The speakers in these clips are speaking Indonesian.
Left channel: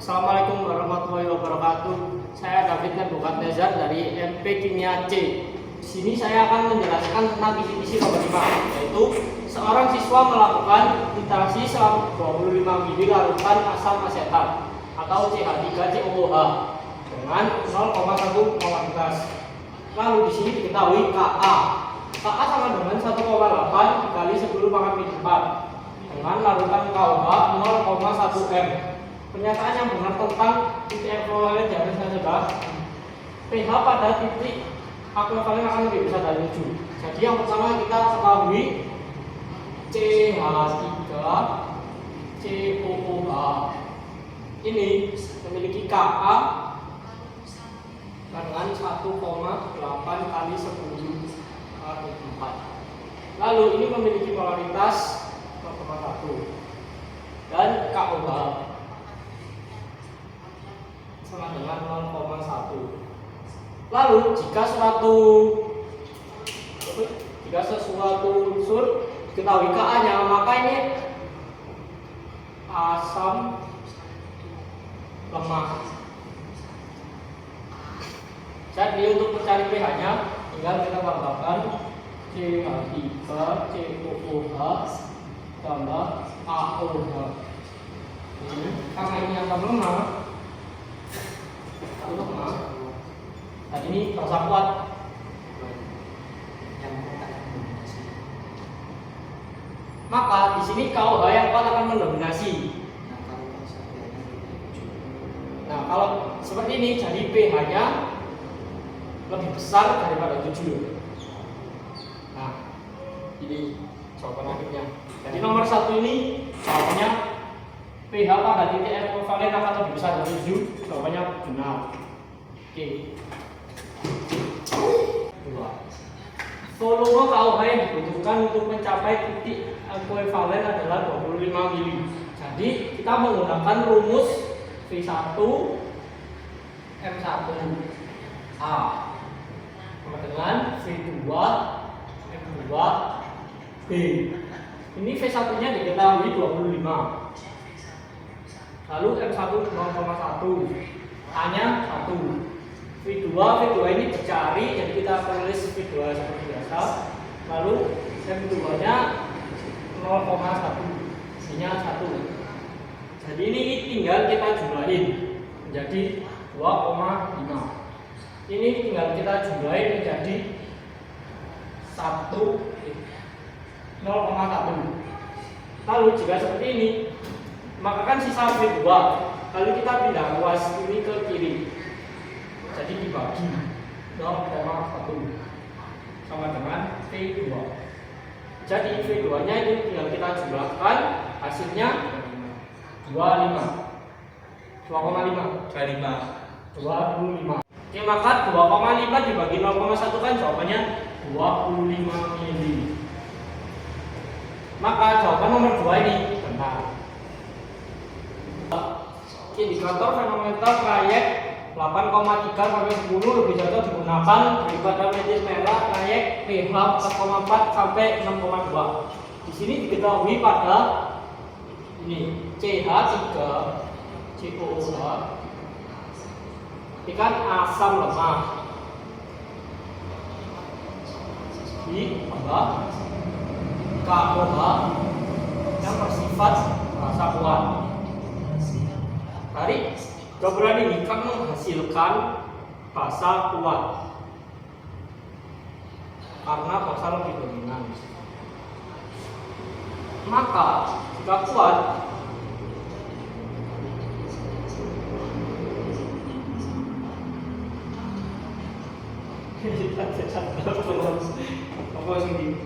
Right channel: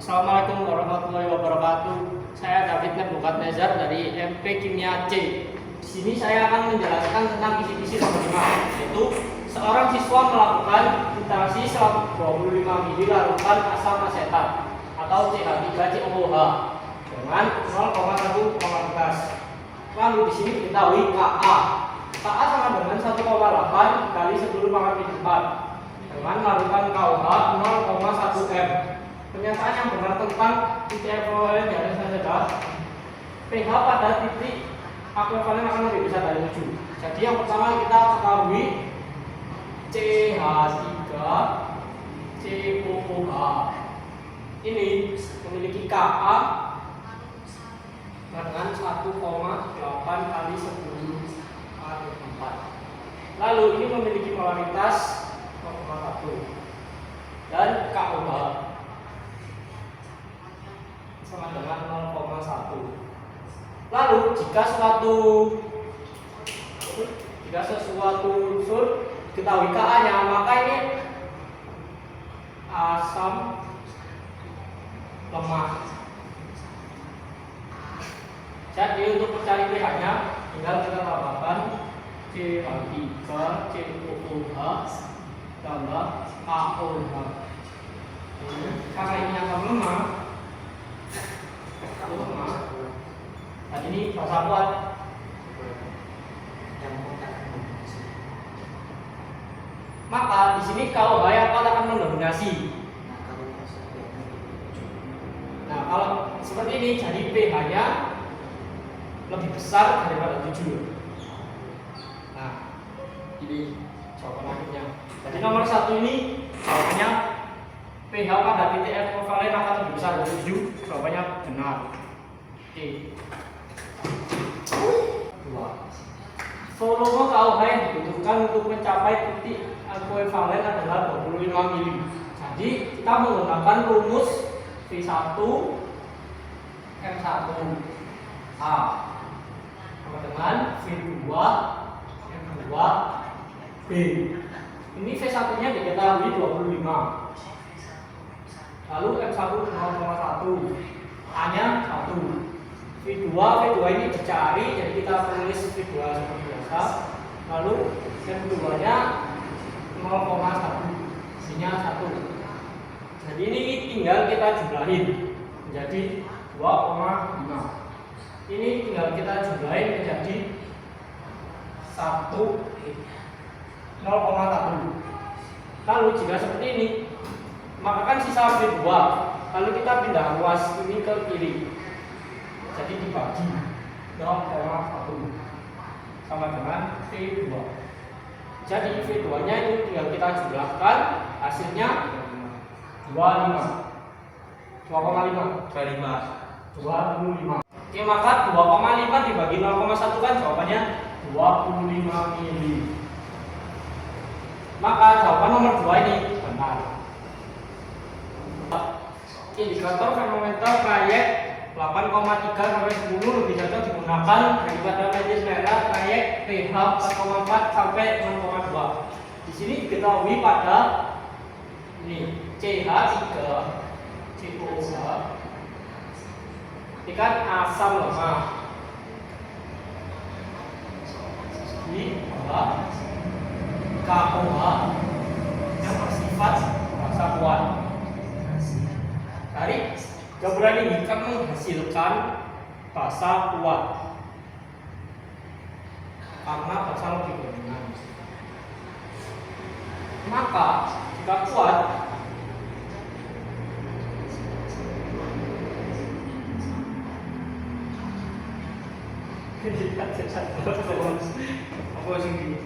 Assalamualaikum warahmatullahi wabarakatuh. Saya David Bukat Nezar dari MP Kimia C. Di sini saya akan menjelaskan tentang kisi-kisi nomor 5, yaitu seorang siswa melakukan interaksi selama 25 mili larutan asam asetat atau CH3COOH dengan 0,1 molaritas. Lalu di sini diketahui KA. KA sama dengan 1,8 dikali 10 pangkat 4 dengan larutan KOH 0,1 m. Pernyataan yang benar tentang titik ekuivalen di atas adalah pH pada titik ekuivalen akan lebih besar dari 7. Jadi yang pertama kita ketahui CH3COOH ini memiliki Ka dengan 1,8 kali 10 kali 4. Lalu ini memiliki molaritas 0,1 dan KOH sama dengan 0,1. Lalu jika sesuatu unsur diketahui Ka-nya, maka ini asam lemah. Jadi untuk mencari pH-nya tinggal kita tambahkan CH3COOH tambah KOH. Ini karena ini asam lemah, dan ini basa kuat yang mendominasi. Maka di sini KOH yang kuat akan mendominasi. Nah, kalau seperti ini jadi pH-nya lebih besar daripada 7. Nah, ini jawaban akhirnya. Jadi nomor 1 ini jawabannya pH pada titik ekuivalen akan lebih besar dari 7. Jawabannya benar. Oke. Volume KOH yang dibutuhkan untuk mencapai titik ekuivalen adalah 25 mili. Jadi kita menggunakan rumus V1 M1A sama dengan V2 M2 B. Ini V1 nya diketahui 25. Lalu M1 0,1, A-nya 1. V2 ini dicari, jadi kita tulis V2 seperti biasa. Lalu M2 nya 0,1, C-nya 1. Jadi ini tinggal kita jumlahin menjadi 2,5. Ini tinggal kita jumlahin menjadi 0,1. Lalu jika seperti ini, maka kan sisa V2, lalu kita pindah ruas ini ke kiri, jadi dibagi 0,1 sama dengan V2. Jadi V2 nya ini tinggal kita jumlahkan, hasilnya 25. Oke, maka 2,5 dibagi 0,1 kan jawabannya 25 mili. Maka jawaban nomor 2 ini benar. Indikator fenometer trayek 8,3 sampai 10 lebih cocok digunakan daripada medis merah trayek pH 4,4 sampai 6,2. Di sini diketahui pada ini CH3COOH ini kan asam lemah di bawah KOH yang bersifat rasa kuat. Dari gabungan ini akan menghasilkan basa kuat karena basa lebih dominan. Maka jika kuat apa sih ini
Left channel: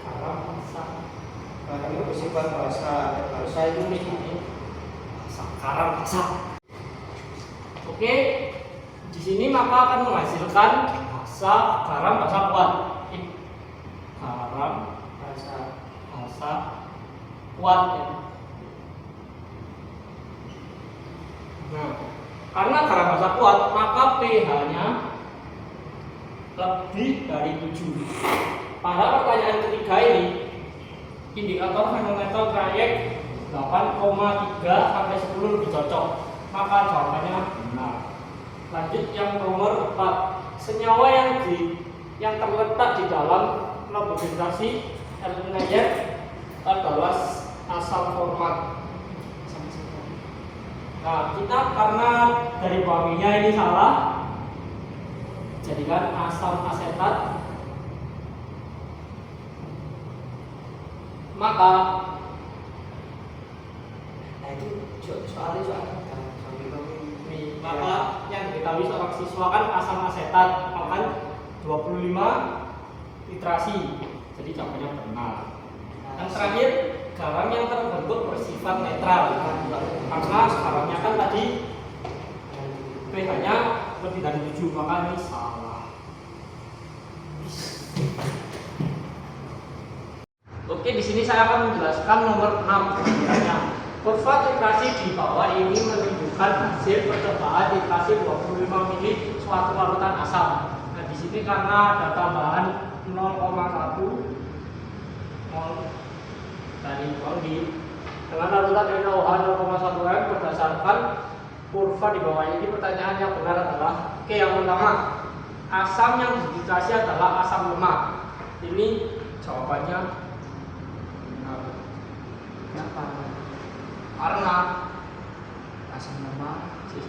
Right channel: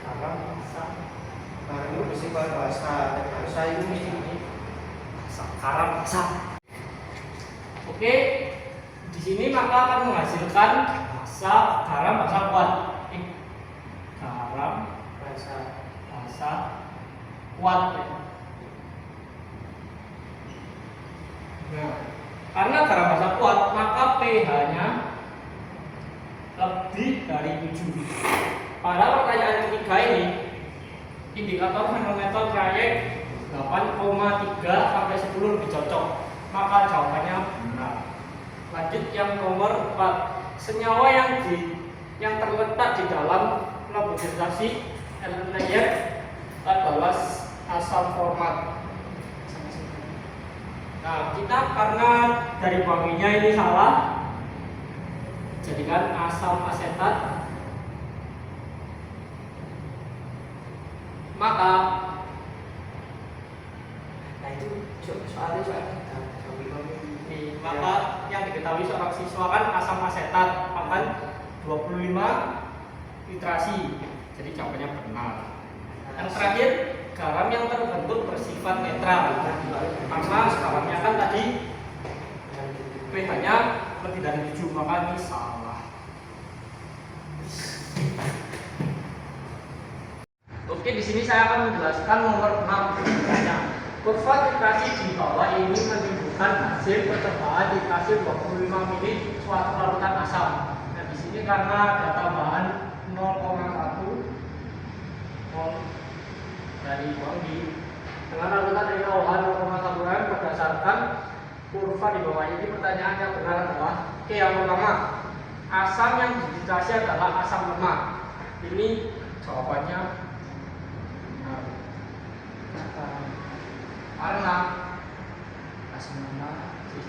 karena basa Karena bersifat bahasa ini sekarang bisa. Oke, di sini maka akan menghasilkan garam basa kuat. Garam basa kuat. Nah, karena garam basa kuat, maka pH-nya lebih dari 7. Pada pertanyaan ketiga ini, indikator fenometer trayek 8,3 sampai 10 lebih cocok. Maka jawabannya benar. Lanjut yang nomor 4. Senyawa yang terletak di dalam laboratorium layer adalah asam format. Nah, kita karena dari wanginya ini salah, jadikan asam asetat. Maka maka yang diketahui seorang siswa kan asam asetat akan 25 literasi. Jadi jawabannya benar. Yang terakhir, garam yang terbentuk bersifat netral. Karena garamnya kan tadi pH-nya lebih dari 7, maka ini salah. Oke, di sini saya akan menjelaskan nomor 6 sebenarnya. Kurva titrasi di bawah ini menunjukkan hasil percobaan titrasi 25 ml suatu larutan asam. Nah, di sini karena ada tambahan 0,1 dari di dengan larutan NaOH 0,1 m berdasarkan kurva di bawah ini. Pertanyaan yang benar adalah oke, yang pertama, asam yang dititrasi adalah asam lemak. Ini jawabannya benar. Kenapa? Karena asam lemak itu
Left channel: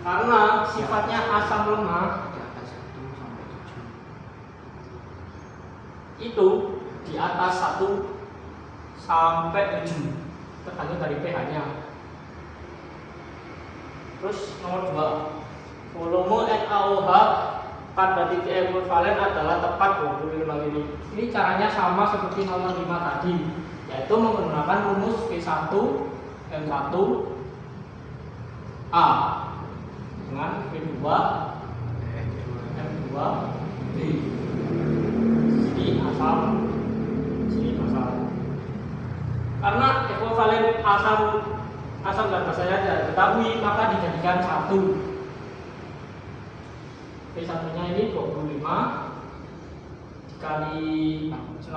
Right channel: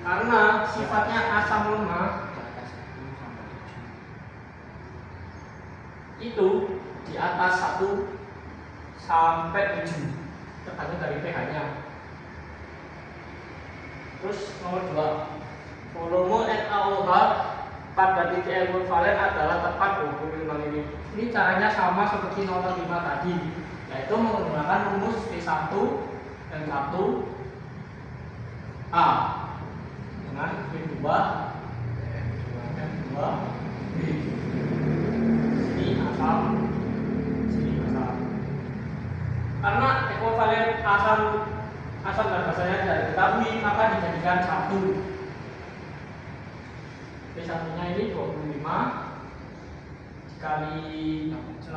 karena sifatnya asam lemak di atas 1 sampai 7. itu di atas 1 sampai 7 tergantung dari pH-nya. Terus nomor 2, volume NaOH pada titik ekvivalen adalah tepat 25 ml. Ini caranya sama seperti nomor 5 tadi, yaitu menggunakan rumus V1 N1 A dengan V2 N2 D. Ini asam, sini asam. Karena ekvivalen asam dan basanya tidak diketahui, maka dijadikan 1. V1 nya ini 25 dikali 0,1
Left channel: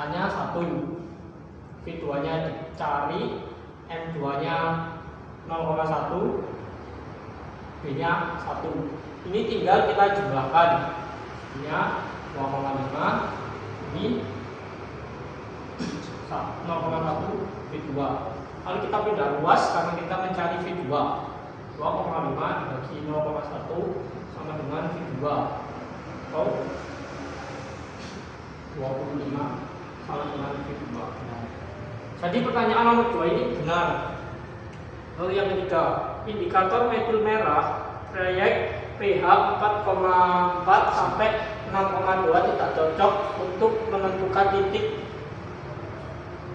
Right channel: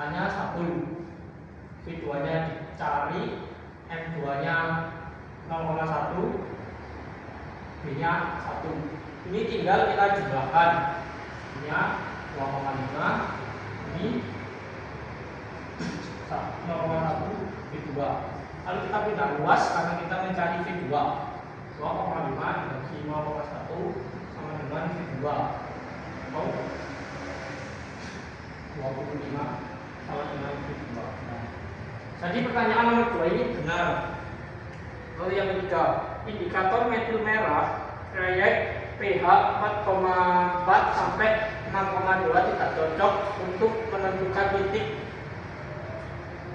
hanya 1. V2 nya dicari, N2 nya 0,1, B nya 1. Ini tinggal kita jumlahkan. Ini 0,5, ini 0,1 V2. Lalu kita pindah luas karena kita mencari V2. 2,5 dibagi 0,1 sama dengan V2 atau 25 sama dengan V2. Jadi pertanyaan nomor 2 ini benar. Lalu yang ketiga, indikator metil merah proyek pH 4,4 sampai 6,2 tidak cocok untuk menentukan titik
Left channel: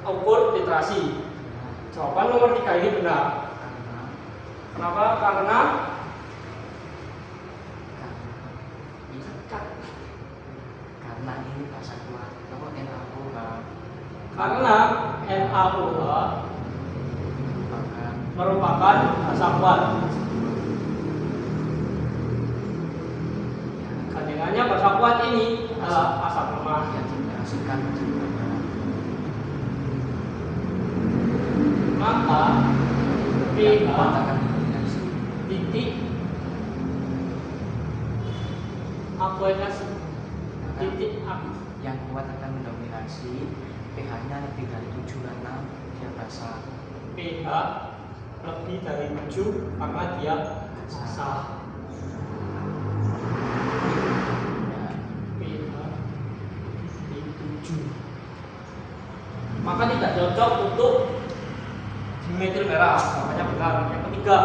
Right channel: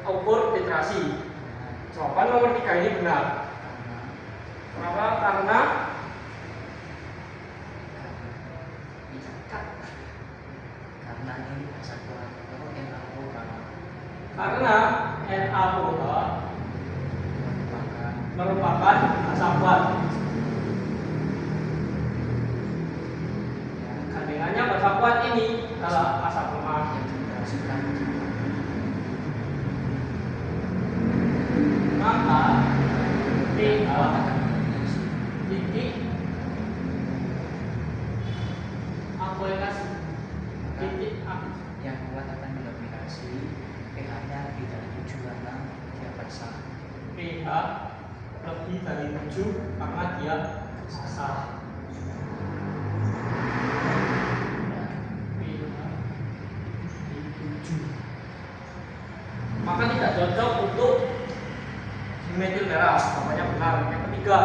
ukur titrasi. Jawaban nomor 3 ini benar. Kenapa? Karena ini bahasa kuat. Kalau karena NaOH merupakan asam kuat. Kandungannya asam kuat ini adalah asam lemak. yang dihasilkan Maka pH akan titik akuinasi titik yang kuat akan mendominasi, pH-nya lebih dari 7 karena dia basah. pH lebih dari 7 karena dia basah. pH di 7 maka tidak cocok untuk dimetil merah. Namanya benar. Yang ketiga,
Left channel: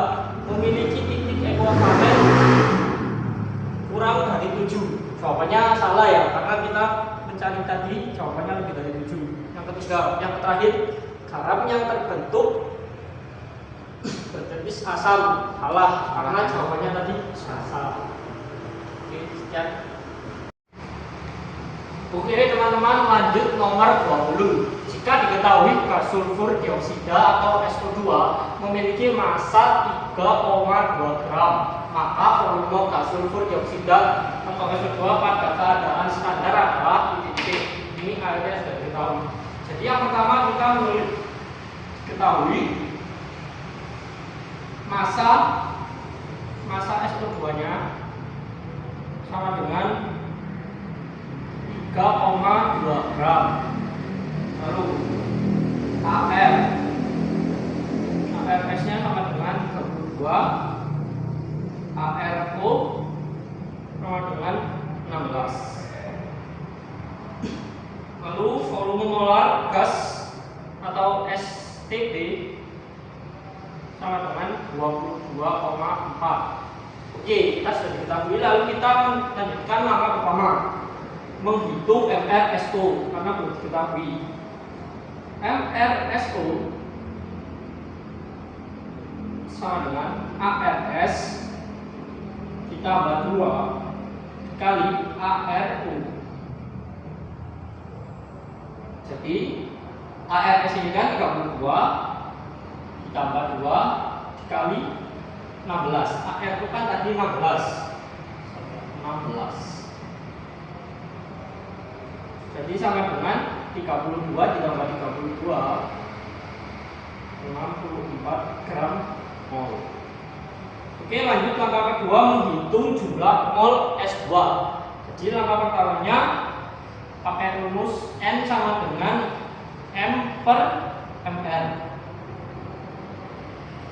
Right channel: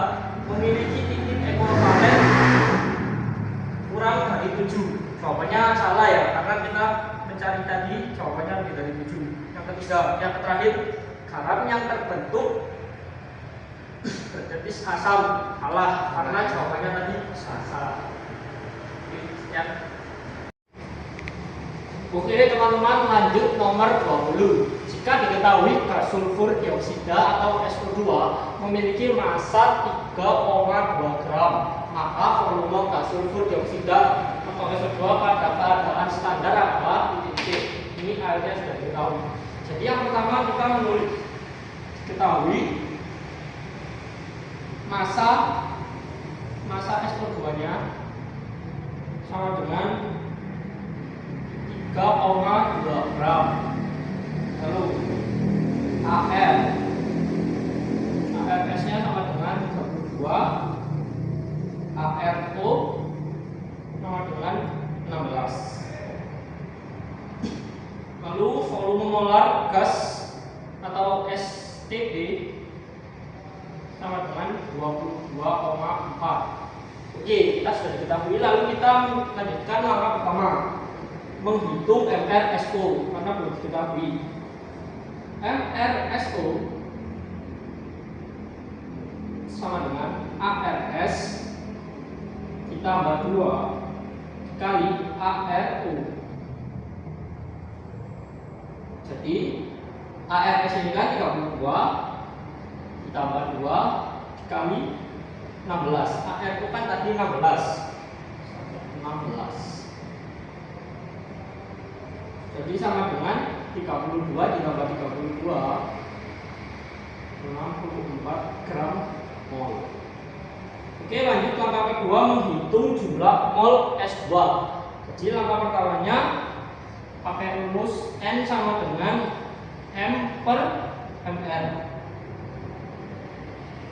memiliki titik ekvivalen kurang dari 7. Jawabannya salah ya, karena kita mencari tadi jawabannya lebih dari 7. Yang ketiga, yang terakhir, garam yang terbentuk berjenis asam. Salah, karena jawabannya tadi salah. Oke, sekian. Oke teman-teman, lanjut nomor 20. Jika diketahui gas sulfur dioksida atau SO2 memiliki massa 3,2 gram, maka volume gas sulfur dioksida atau SO2 pada keadaan standar adalah titik. Ini airnya sudah diketahui. Jadi yang pertama kita mulai ketahui massa SO2-nya sama dengan 3,2 gram. Lalu ARS-nya sama dengan 32, ARO sama dengan 16. Lalu volume molar gas atau STP sama dengan 22,4. Oke, kita sudah diketahui. Lalu kita lanjutkan langkah pertama, menghitung MRSO karena belum diketahui. MRSO sama dengan ARS ditambah 2 kali ARO. Jadi ARS ini kan 32 ditambah 2 dikali 16. ARO kan tadi 16. Jadi sama dengan 32 ditambah 32 64 gram mol. Oke, lanjut langkah kedua, menghitung jumlah mol S2. Jadi langkah pertamanya pakai rumus N sama dengan M per MR.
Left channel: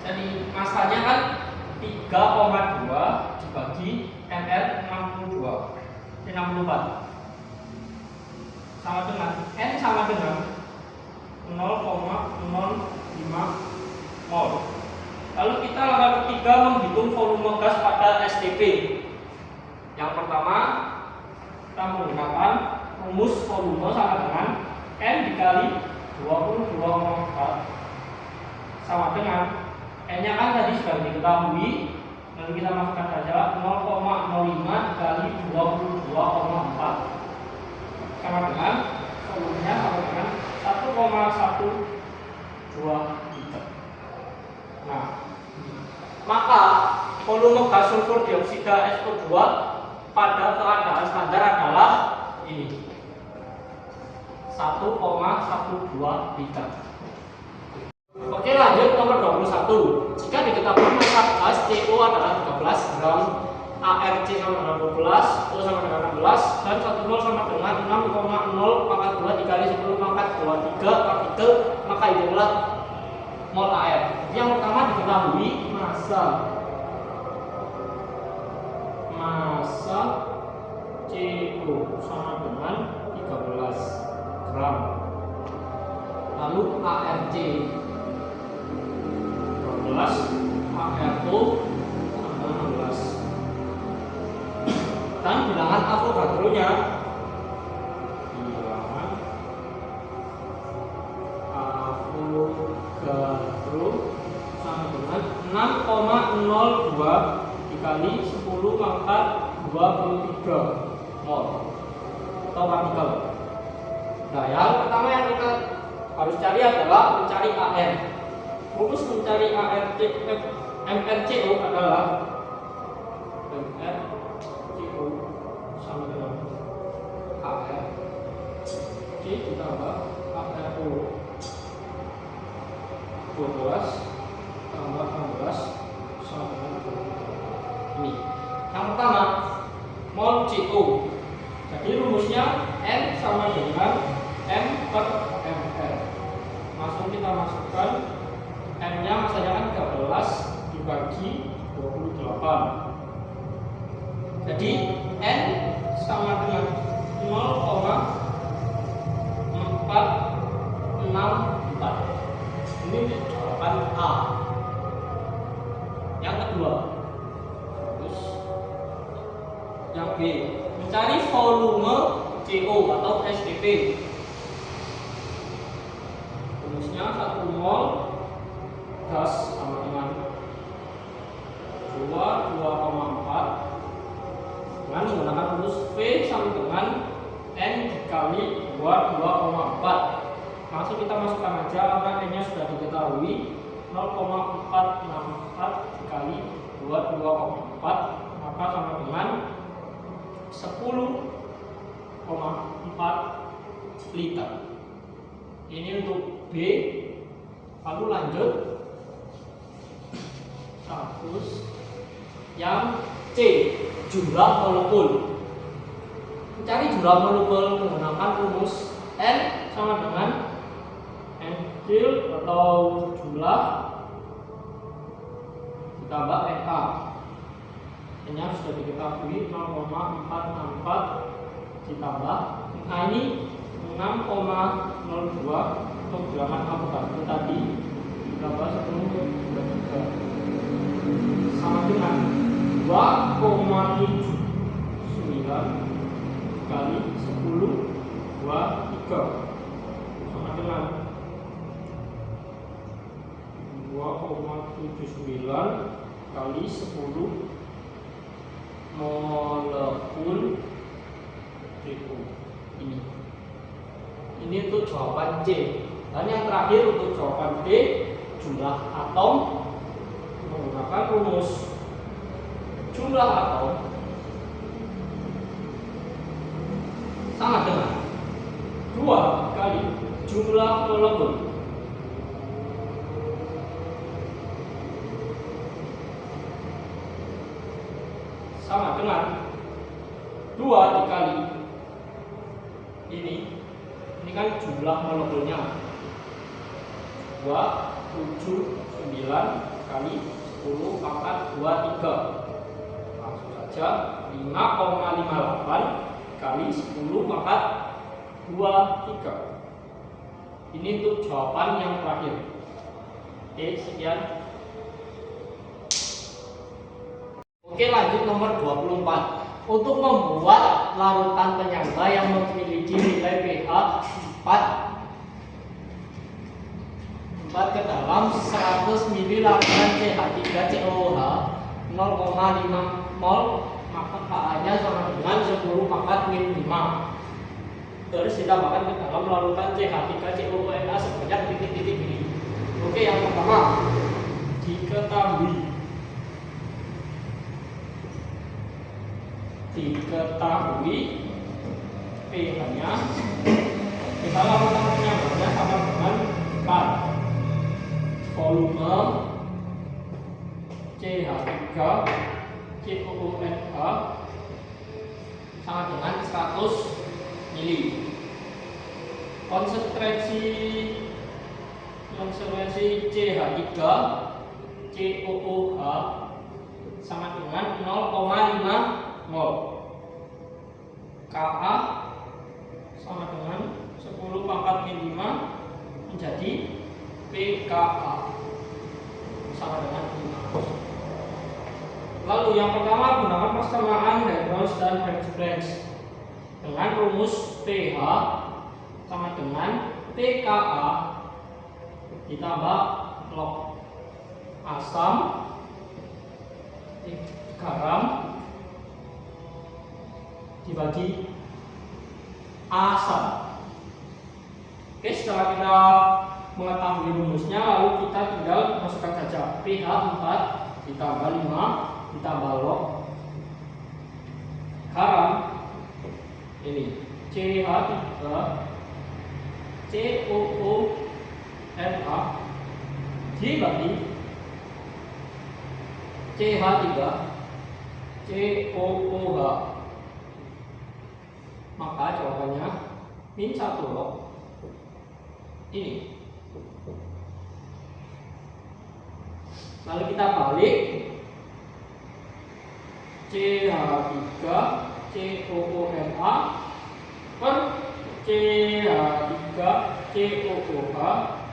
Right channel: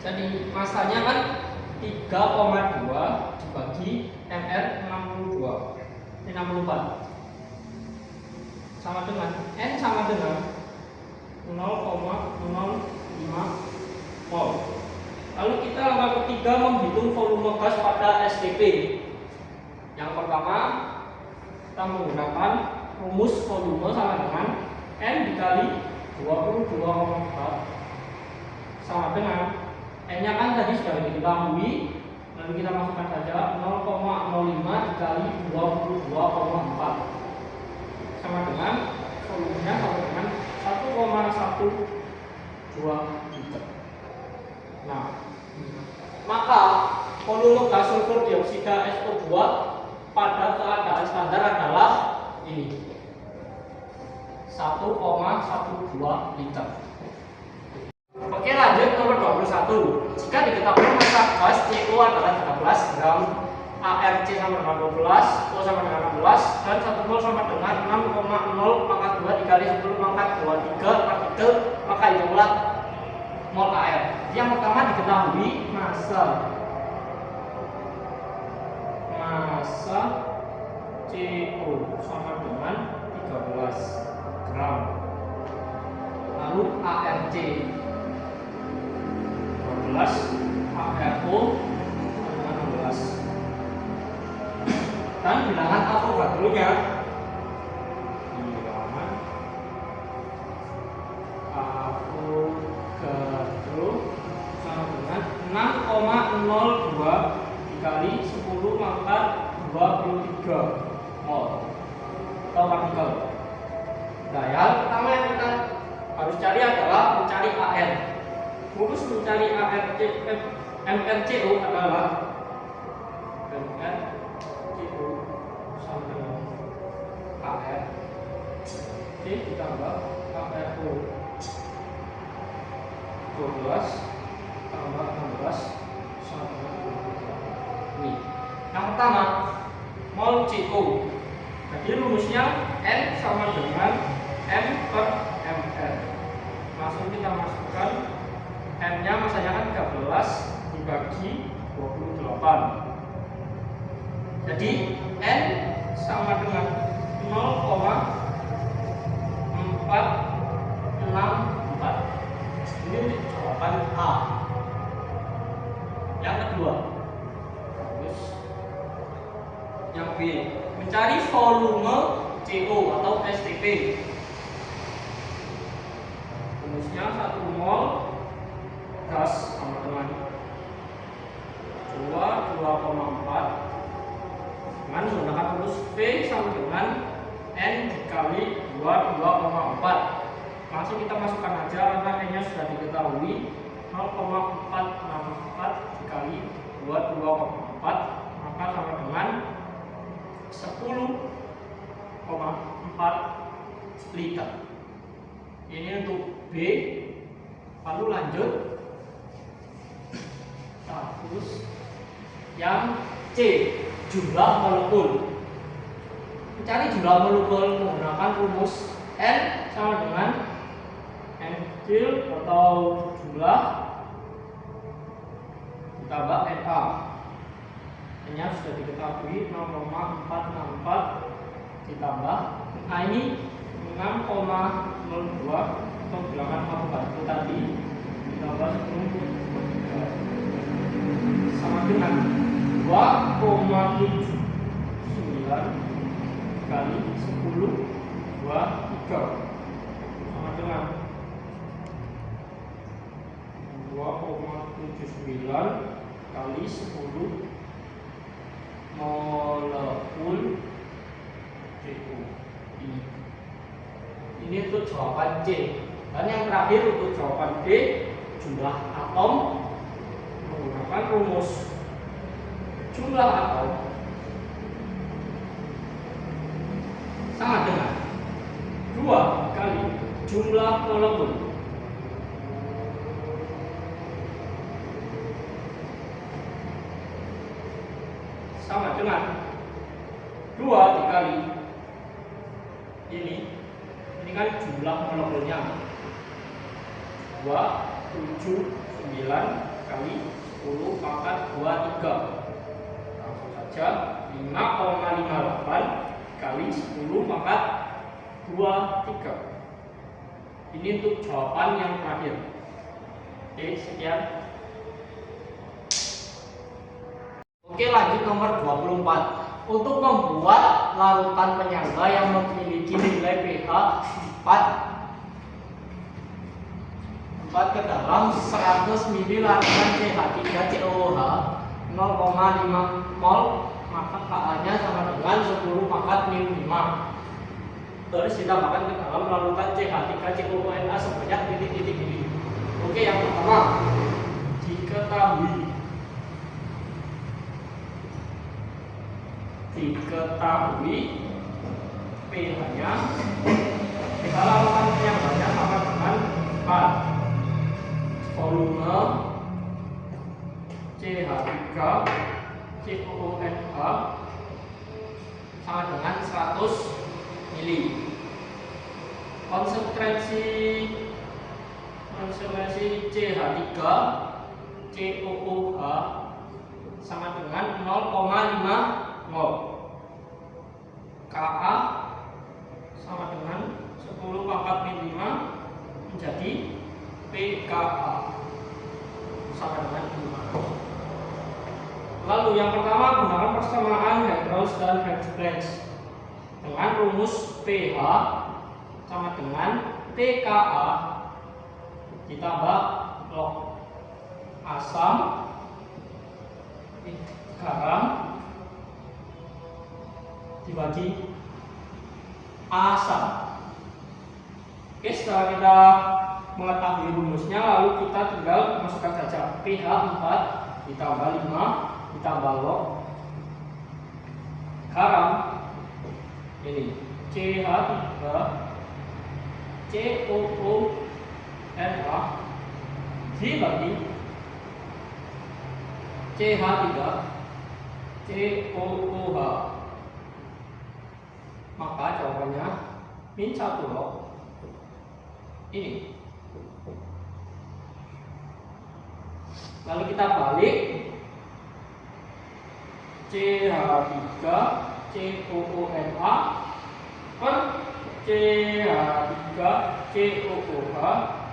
Jadi masanya kan 3,2 dibagi MR 64 sama dengan N sama dengan 0,05 mol. Lalu kita langkah ketiga, menghitung volume gas pada STP. Yang pertama kita menggunakan rumus volume sama dengan N dikali 22,4 sama dengan N-nya kan tadi sudah diketahui, lalu kita masukkan saja 0,05 dikali 22,4 sama dengan volumenya sama dengan 1,12 liter. Nah, maka volume gas sulfur dioksida SO2 pada keadaan standar adalah ini 1,12 liter. Oke, lanjut nomor 21. Jika diketahui massa gas CO adalah 13 gram, ARC sama dengan 12, O sama dengan 16, dan 1 mol sama dengan 6,0 pangkat 2 dikali 10 pangkat 23 partikel, maka hitunglah mol AR. Yang pertama diketahui massa CO sama dengan 13 gram. Lalu ARC 12, ARO sama dengan 16. Dan bilangan Avogadro-nya sama dengan 6,02 dikali 10 pangkat 23 mol atau partikel. Nah, yang pertama yang kita harus cari adalah mencari AR. Rumus mencari MRCO adalah MRCO sama dengan AR C ditambah ARO 12 tambah 16 sama dengan 23. Ini yang pertama, mol CO. Jadi rumusnya N sama dengan M per MR. Langsung kita masukkan M nya, masanya kan 13 dibagi 28. Jadi N sama dengan 0,464. Ini jawaban A. Yang kedua, terus yang B, mencari volume CO atau STP. Rumusnya 1 mol gas sama dengan 2,4 dengan menggunakan rumus V sama dengan N dikali 2,4. Langsung kita masukkan aja karena N nya sudah diketahui, 0,464 dikali 2,4 maka sama dengan 10,4 liter. Ini untuk B. Lalu lanjut status yang C, jumlah molekul. Mencari jumlah molekul menggunakan rumus N sama dengan N kecil atau jumlah ditambah NA. N-nya sudah diketahui 0,464 ditambah NA ini 6,02 atau bilangan avogadro tadi ditambah 10 sama dengan 2,79 kali 10 23 sama dengan 2,79 kali 10 molekul CO. Ini untuk jawaban C. Dan yang terakhir untuk jawaban D, jumlah atom menggunakan rumus jumlah atom sama dengan 2 kali jumlah molekul sama dengan 2 dikali ini kan jumlah molekulnya 279 kali 10 pangkat 23, langsung saja 5,58 kali 10 pangkat 23. Ini untuk jawaban yang terakhir. Oke, sekian. Oke, lanjut nomor 24. Untuk membuat larutan penyangga yang memiliki nilai pH 4 ke dalam 100 ml larutan CH3COOH 0,5 mol, maka Ka-nya sama dengan 10 pangkat min 5. Terus ditambahkan ke dalam larutan CH3COONA sebanyak titik-titik ini. Oke, yang pertama diketahui pH-nya, kita lakukan penyangganya sama dengan 4. Volume CH3COONA sama dengan 100 mili. Konsentrasi CH3COOH sama dengan 0,5 mol. Ka sama dengan 10 pangkat min 5 menjadi pKa sama dengan 5. Lalu yang pertama gunakan persamaan Hadrons dan Hertzsprung dengan rumus pH sama dengan pKa ditambah log asam garam dibagi asam. Oke, setelah kita mengetahui rumusnya, lalu kita tinggal masukkan saja pH 4 ditambah 5 ditambah log garam ini CH3 COONA dibagi CH3 COOH, maka jawabannya min 1 log ini. Lalu kita balik CH3 COONA per CH3 COOH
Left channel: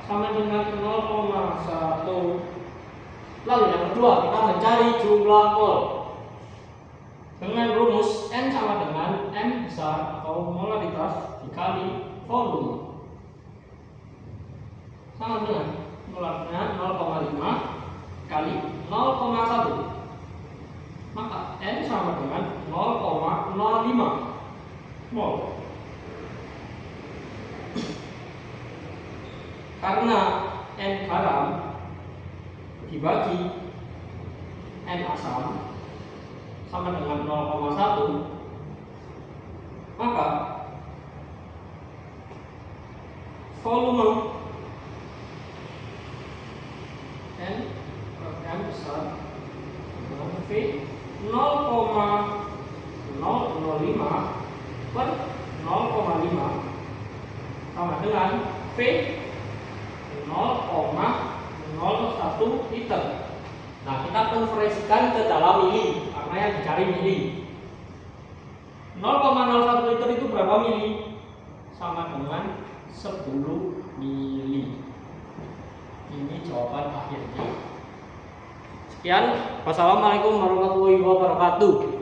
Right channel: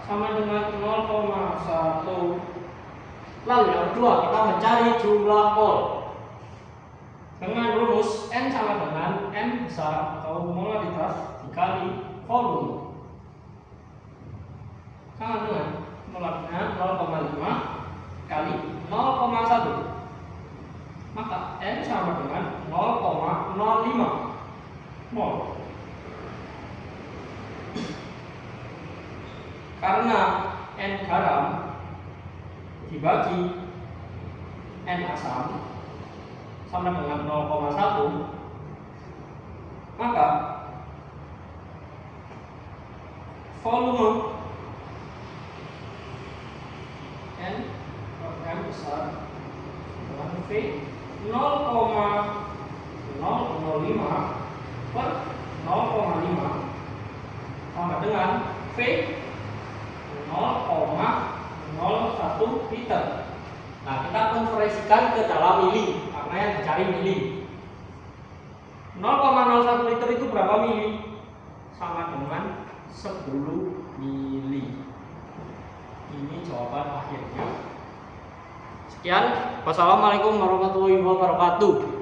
sama dengan 0,1. Lalu yang kedua kita mencari jumlah mol dengan rumus N sama dengan N besar atau molaritas dikali volume sama dengan molaritasnya 0,5 kali 0,1, maka N sama dengan 0,05 mol. Karena N garam dibagi N asam sama dengan 0,1, maka volume N M besar dengan V 0,005 per 0,5 sama dengan V 0,01 liter. Nah, kita konversikan ke dalam mili karena yang dicari mili. 0,01 liter itu berapa mili? Sama dengan 10 mili. Ini jawaban akhirnya. Sekian, wassalamualaikum warahmatullahi wabarakatuh.